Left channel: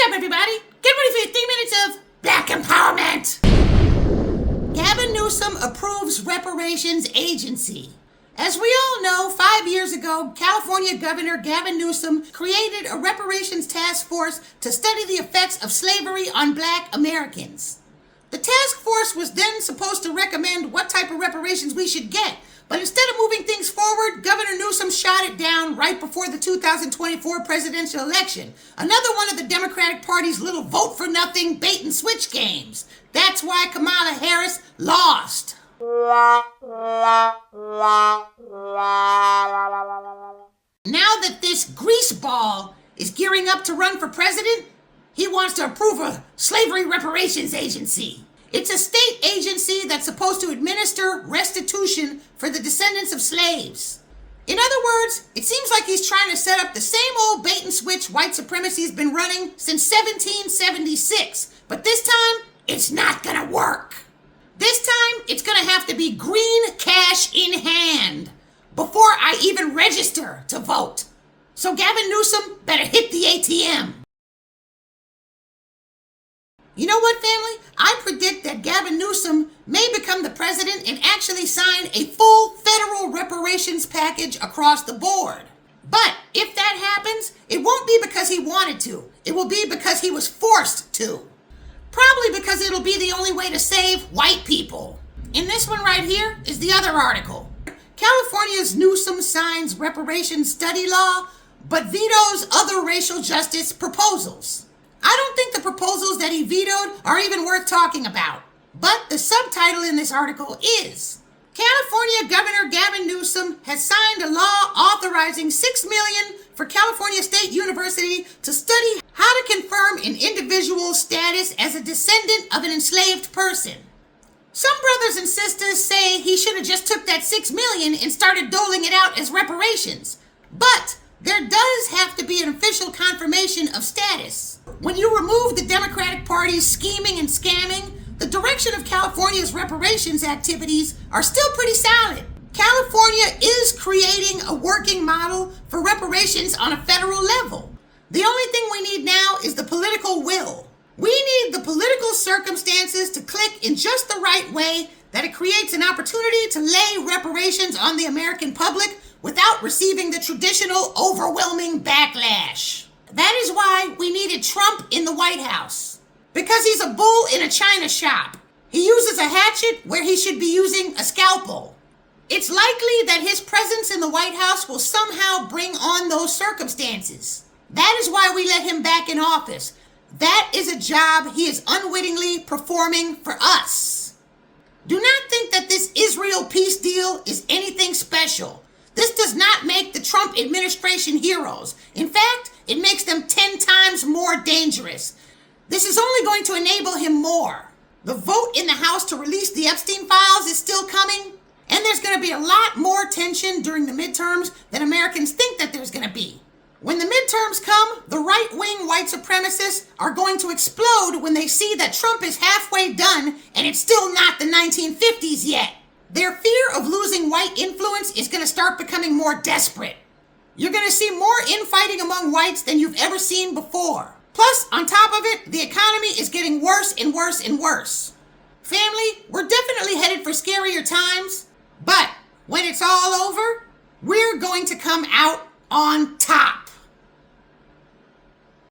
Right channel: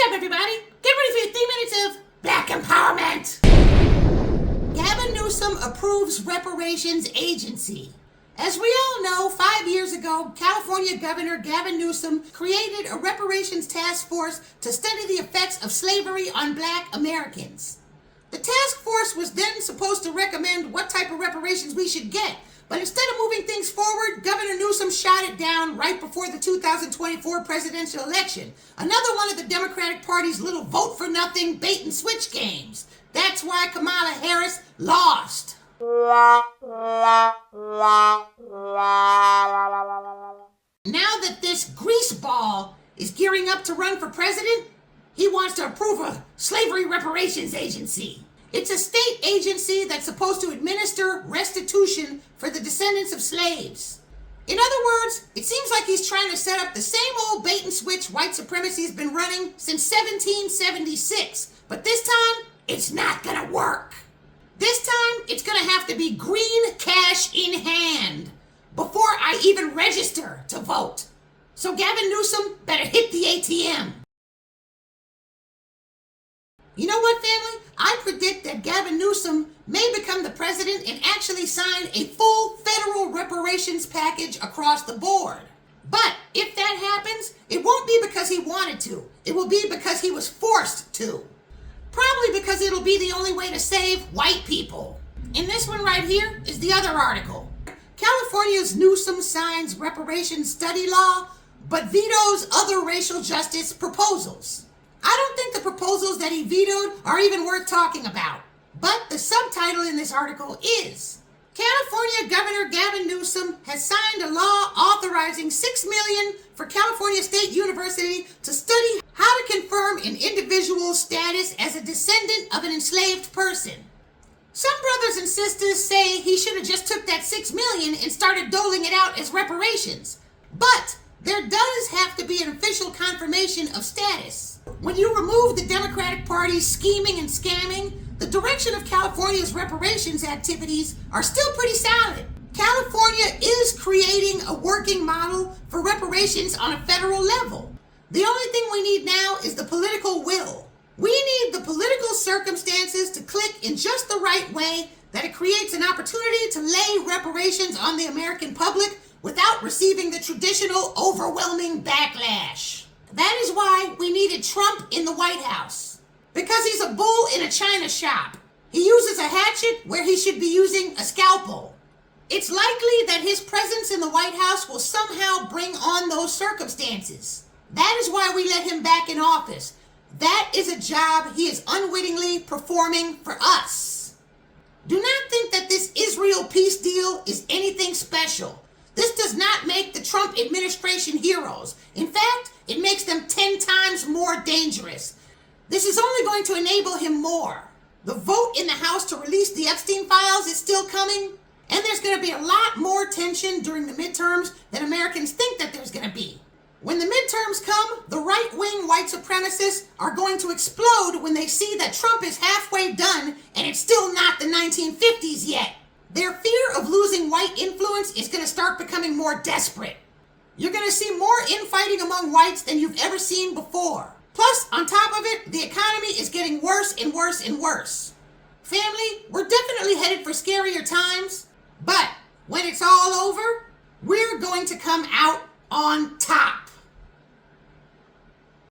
What's up, everybody? Get ready for your 3 minutes of Black Empowerment. Gavin Newsom approves Reparations agency. As we all know, 5 years ago, California Governor Gavin Newsom created a reparations task force to study the effects of slavery on Black Americans. The task force was then supposed to recommend what type of reparations we should get, but instead of moving things forward, Governor Newsom shot it down right before the 2024 presidential election. Another one of the Democratic Party's little vote-for-nothing bait-and-switch games. That's why Kamala Harris lost. Now that this greaseball is gearing up to run for president, he wants to approve a slavery reparations agency. It's a state agency that's supposed to administer restitution for the descendants of slaves. In other words, it seems like he's trying to set up the same old bait and switch white supremacy's been running since 1776. But this time, it's not gonna work. This time, it's gonna have to be green cash in hand before I even register to vote. So Gavin Newsom better hit the ATM. You know what, family? I predict that Gavin Newsom may become the president and actually sign a full federal reparations package across the board. But if that happens, it won't be because he wanted to. It will be because he was forced to. Probably because it'll be the only way to save white people. And this one right here is the other article. California's Newsom signs reparations study law, but vetoes other racial justice proposals. I don't think the proposals that he vetoed are even worth talking about. But the subtitle in this article is, California Governor Gavin Newsom has signed a law authorizing $6 million for California State University to study how to confirm an individual's status as a descendant of an enslaved person. Some brothers and sisters say he should have just took that $6 million and started doling it out as reparations. But there does have to be an official confirmation of status. When you remove the Democratic Party's scheming and scamming, the direction of California's reparations activities are still pretty solid. California is creating a working model for reparations on a federal level. The only thing we need now is the political will. We need the political circumstances to click in just the right way that it creates an opportunity to lay reparations on the American public without receiving the traditional overwhelming backlash. That is why we needed Trump in the White House. Because he's a bull in a china shop. He uses a hatchet where he should be using a scalpel. It's likely that his presence in the White House will somehow bring on those circumstances. That is why we let him back in office. That is a job he is unwittingly performing for us. Do not think that this Israel peace deal is anything special. This does not make the Trump administration heroes. In fact, it makes them 10 times more dangerous. This is only going to enable him more. The vote in the House to release the Epstein files is still coming, and there's going to be a lot more tension during the midterms than Americans think that there's going to be. When the midterms come, the right-wing white supremacists are going to explode when they see that Trump is halfway done and it's still not the 1950s yet. Their fear of losing white influence is going to start becoming more desperate. You're going to see more infighting among whites than you've ever seen before. Plus, on top of it, the economy is getting worse and worse and worse. Family, we're definitely headed for scarier times, but when it's all over, we're going to come out on top.